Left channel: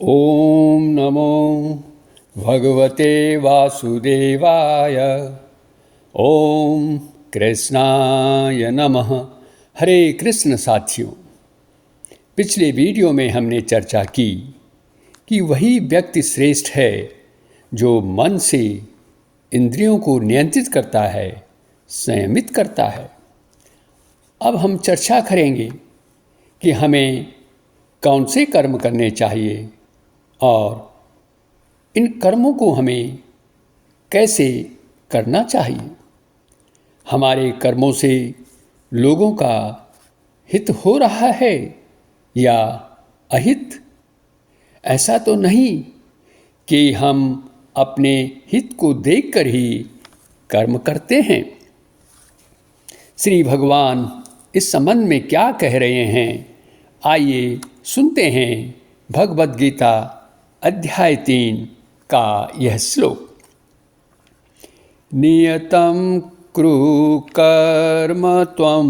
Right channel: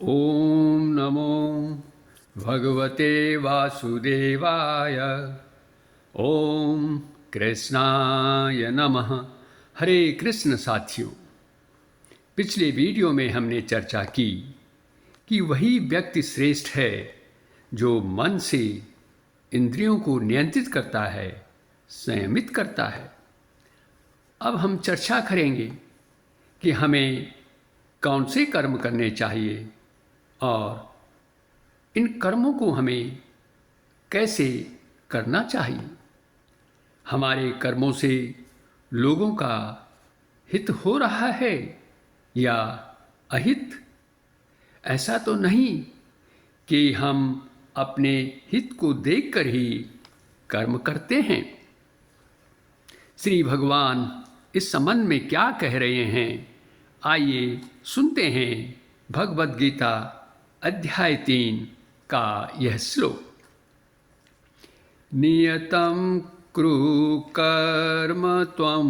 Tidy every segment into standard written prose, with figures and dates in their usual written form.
ॐ नमो भगवते वासुदेवाय। ॐ कृष्णाय नमः। हरे कृष्ण साथियों, पिछले वीडियो में हमने चर्चा की कि वही व्यक्ति श्रेष्ठ है जो मन से इंद्रियों को नियंत्रित करता है, संयमित करता है। अब हम चर्चा करेंगे कि हमें कौन से कर्म करने चाहिए और इन कर्मों को हमें कैसे करना चाहिए। हमारे कर्मों से लोगों का हित हो रहा है या अहित। ऐसा तो नहीं कि हम अपने हित को देखकर ही कर्म करते हैं। श्री भगवान इस संबंध में क्या कह रहे हैं, आइए सुनते हैं भगवद गीता अध्याय 3 का यह श्लोक। नियतं कुरु कर्म त्वं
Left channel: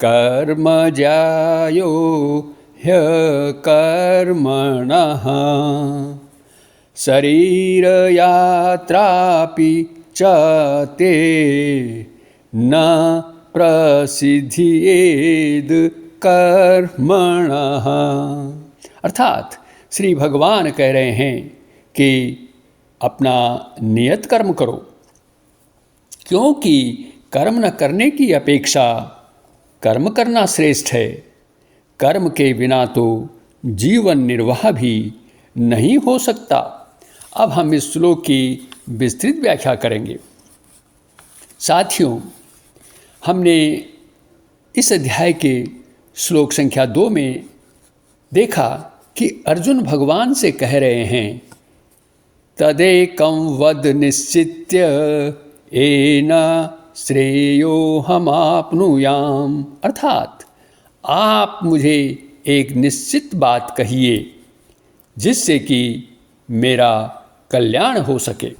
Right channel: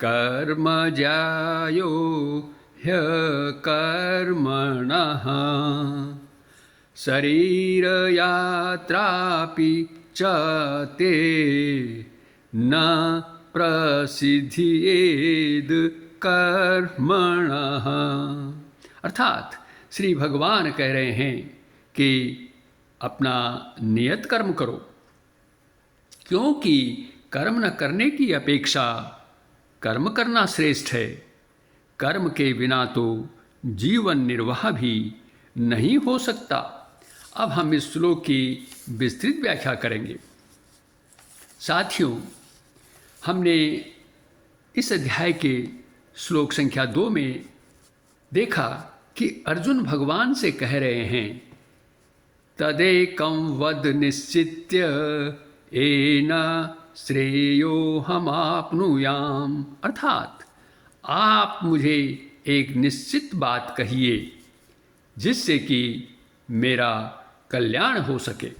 कर्म ज्यायो ह्यकर्मणः शरीर यात्रापि च ते न प्रसिद्ध्येद कर्मणः। अर्थात श्री भगवान कह रहे हैं कि अपना नियत कर्म करो, क्योंकि कर्म न करने की अपेक्षा कर्म करना श्रेष्ठ है। कर्म के बिना तो जीवन निर्वाह भी नहीं हो सकता। अब हम इस श्लोक की विस्तृत व्याख्या करेंगे। साथियों, हमने इस अध्याय के श्लोक संख्या 2 में देखा कि अर्जुन भगवान से कह रहे हैं, तदेकं वद निश्चित्य येन श्रेयोहमाप्नुयाम। अर्थात आप मुझे एक निश्चित बात कहिए जिससे कि मेरा कल्याण हो सके।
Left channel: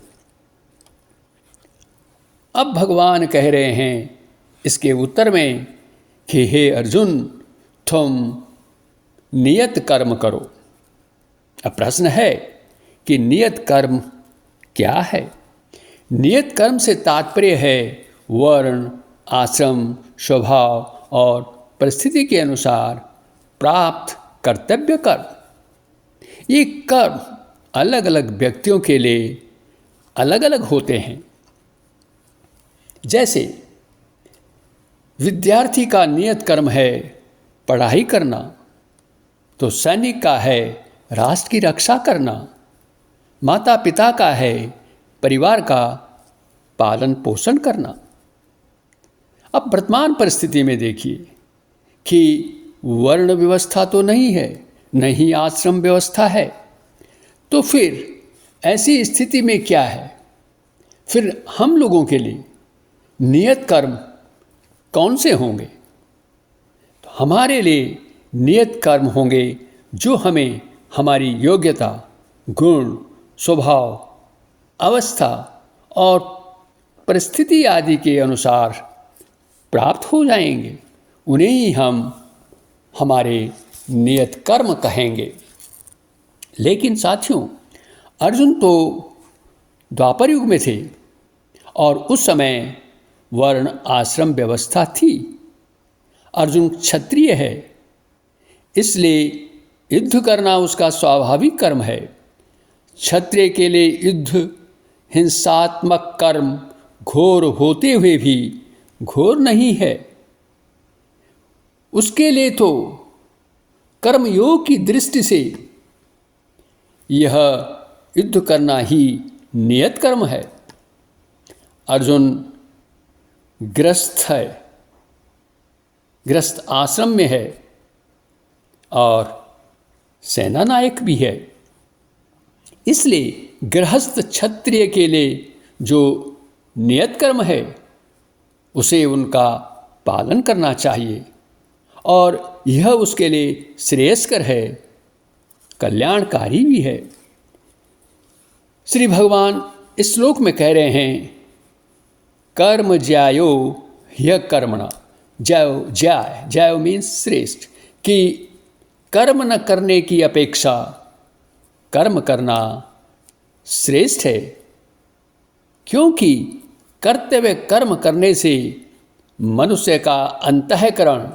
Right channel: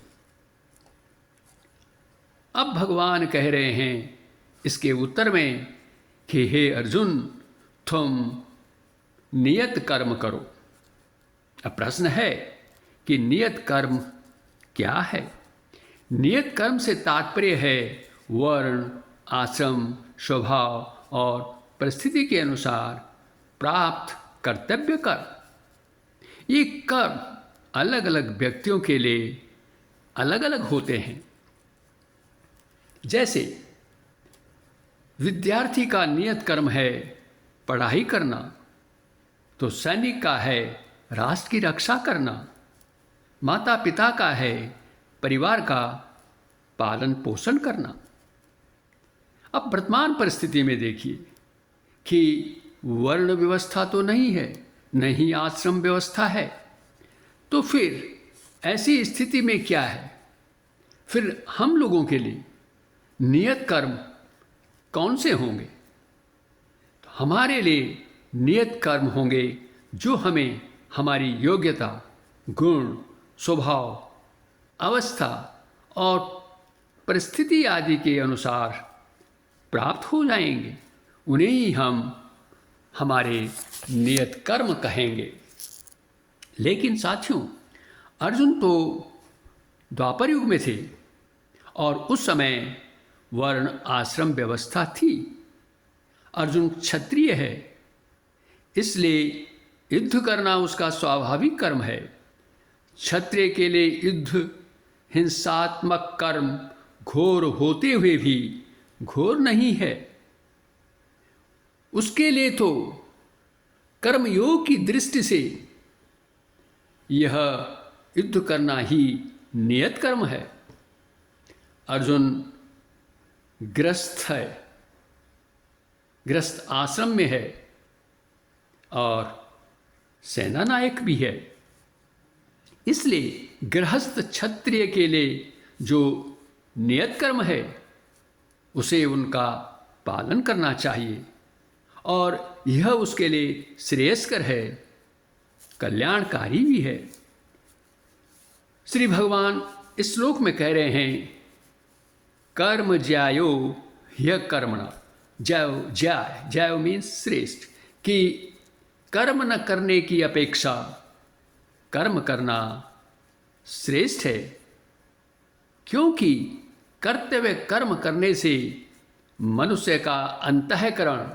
अब भगवान कह रहे हैं इसके उत्तर में कि हे अर्जुन, तुम नियत कर्म करो। अब प्रश्न है कि नियत कर्म क्या है। नियत कर्म से तात्पर्य है वर्ण, आश्रम, स्वभाव और परिस्थिति के अनुसार प्राप्त कर्तव्य कर्म। ये कर्म अलग अलग व्यक्तियों के लिए अलग अलग होते हैं। जैसे विद्यार्थी का नियत कर्म है पढ़ाई करना, तो सैनिक का है राष्ट्र की रक्षा करना, माता पिता का है परिवार का पालन पोषण करना। अब वर्तमान परिस्थिति में देखिए कि वर्ण व्यवस्था तो नहीं है, नहीं आश्रम व्यवस्था है, तो फिर ऐसी स्थिति में क्या है, फिर हम लोगों के लिए नियत कर्म कौन से होंगे। तो हमारे लिए नियत कर्म होंगे जो हमें हमारी योग्यता, गुण, स्वभाव, अवस्था और परिस्थिति आदि के अनुसार प्राप्त हो जाएंगे। उन्हें ही हम हमारे नियत कर्म कहेंगे। लेकिन साथियों, अर्जुन तो द्वापर युग में थे और उस समय वर्ण आश्रम व्यवस्था थी। अर्जुन क्षत्रिय है, इसलिए युद्ध करना उसका स्वाभाविक कर्म है। क्षत्रिय के लिए युद्ध हिंसात्मक कर्म घोर होते हुए भी घोर नहीं है। उसके लिए तो कर्मयोग की दृष्टि से यह युद्ध करना ही नियत कर्म है। अर्जुन गृहस्थ है, गृहस्थ आश्रम में है और सेना नायक भी है। इसलिए गृहस्थ क्षत्रिय के लिए जो नियत कर्म है उसे उनका पालन करना चाहिए और यह उसके लिए श्रेयस्कर है, कल्याणकारी भी है। श्री भगवान इस श्लोक में कह रहे हैं, कर्म ज्यायो ह्य कर्मणा। ज्यायो मीन्स श्रेष्ठ, कि कर्म न करने की अपेक्षा कर्म करना श्रेष्ठ है, क्योंकि कर्तव्य कर्म करने से मनुष्य का अंतःकरण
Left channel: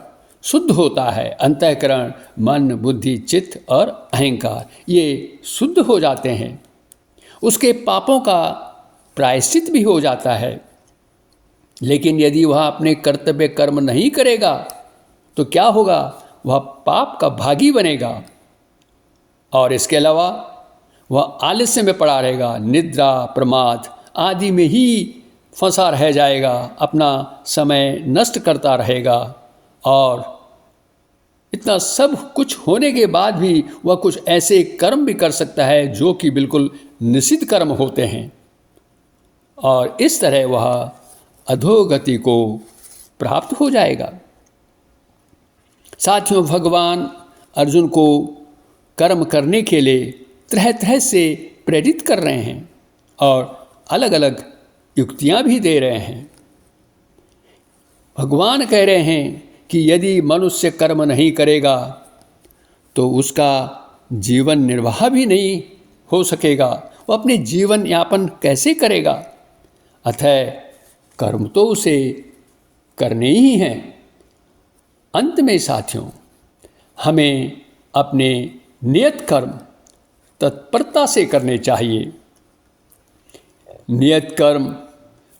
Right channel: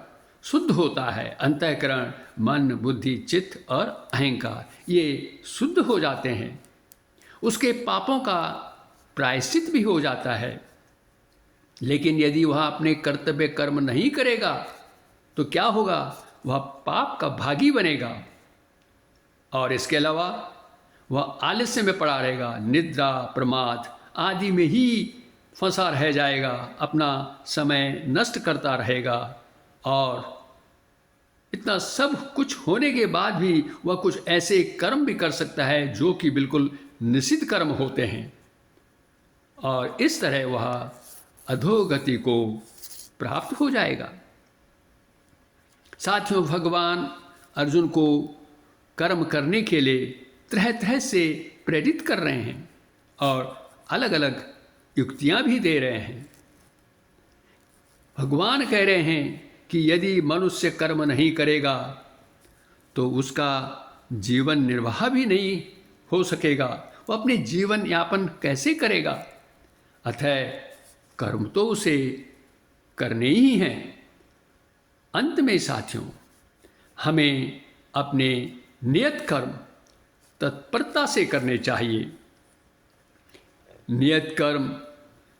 शुद्ध होता है। अंतःकरण मन, बुद्धि, चित्त और अहंकार ये शुद्ध हो जाते हैं। उसके पापों का प्रायश्चित भी हो जाता है। लेकिन यदि वह अपने कर्तव्य कर्म नहीं करेगा तो क्या होगा? वह पाप का भागी बनेगा और इसके अलावा वह आलस्य में पड़ा रहेगा, निद्रा, प्रमाद आदि में ही फंसा रह जाएगा, अपना समय नष्ट करता रहेगा। और इतना सब कुछ होने के बाद भी वह कुछ ऐसे कर्म भी कर सकता है जो कि बिल्कुल निषिद्ध कर्म होते हैं, और इस तरह वह अधोगति को प्राप्त हो जाएगा। साथियों, भगवान अर्जुन को कर्म करने के लिए तरह तरह से प्रेरित कर रहे हैं और अलग अलग युक्तियां भी दे रहे हैं। भगवान कह रहे हैं कि यदि मनुष्य कर्म नहीं करेगा तो उसका जीवन निर्वाह भी नहीं हो सकेगा। वो अपने जीवन यापन कैसे करेगा? अतः कर्म तो उसे करने ही हैं। अंत में साथियों, हमें अपने नियत कर्म तत्परता से करने चाहिए। नियत कर्म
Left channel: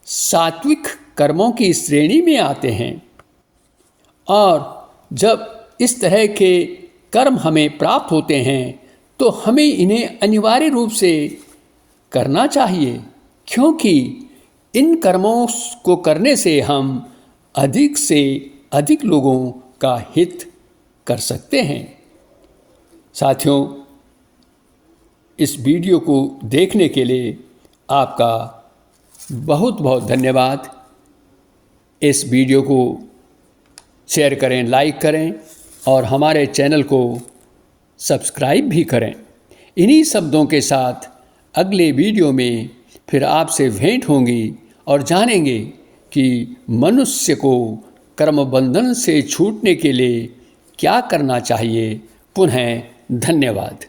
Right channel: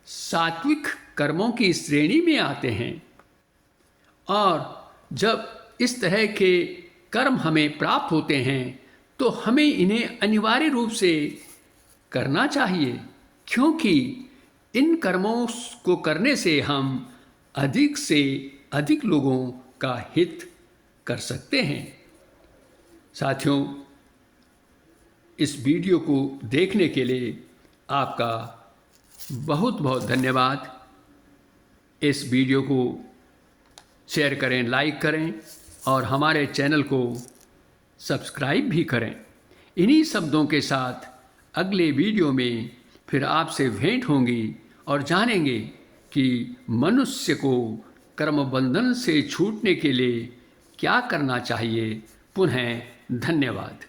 सात्विक कर्मों की श्रेणी में आते हैं, और जब इस तरह के कर्म हमें प्राप्त होते हैं तो हमें इन्हें अनिवार्य रूप से करना चाहिए, क्योंकि इन कर्मों को करने से हम अधिक से अधिक लोगों का हित कर सकते हैं। साथियों, इस वीडियो को देखने के लिए आपका बहुत बहुत धन्यवाद। इस वीडियो को शेयर करें, लाइक करें और हमारे चैनल को सब्सक्राइब भी करें। इन्हीं शब्दों के साथ अगले वीडियो में फिर आपसे भेंट होंगी और जानेंगे कि मनुष्य को कर्म बंधन से छूटने के लिए क्या करना चाहिए। पुनः धन्यवाद।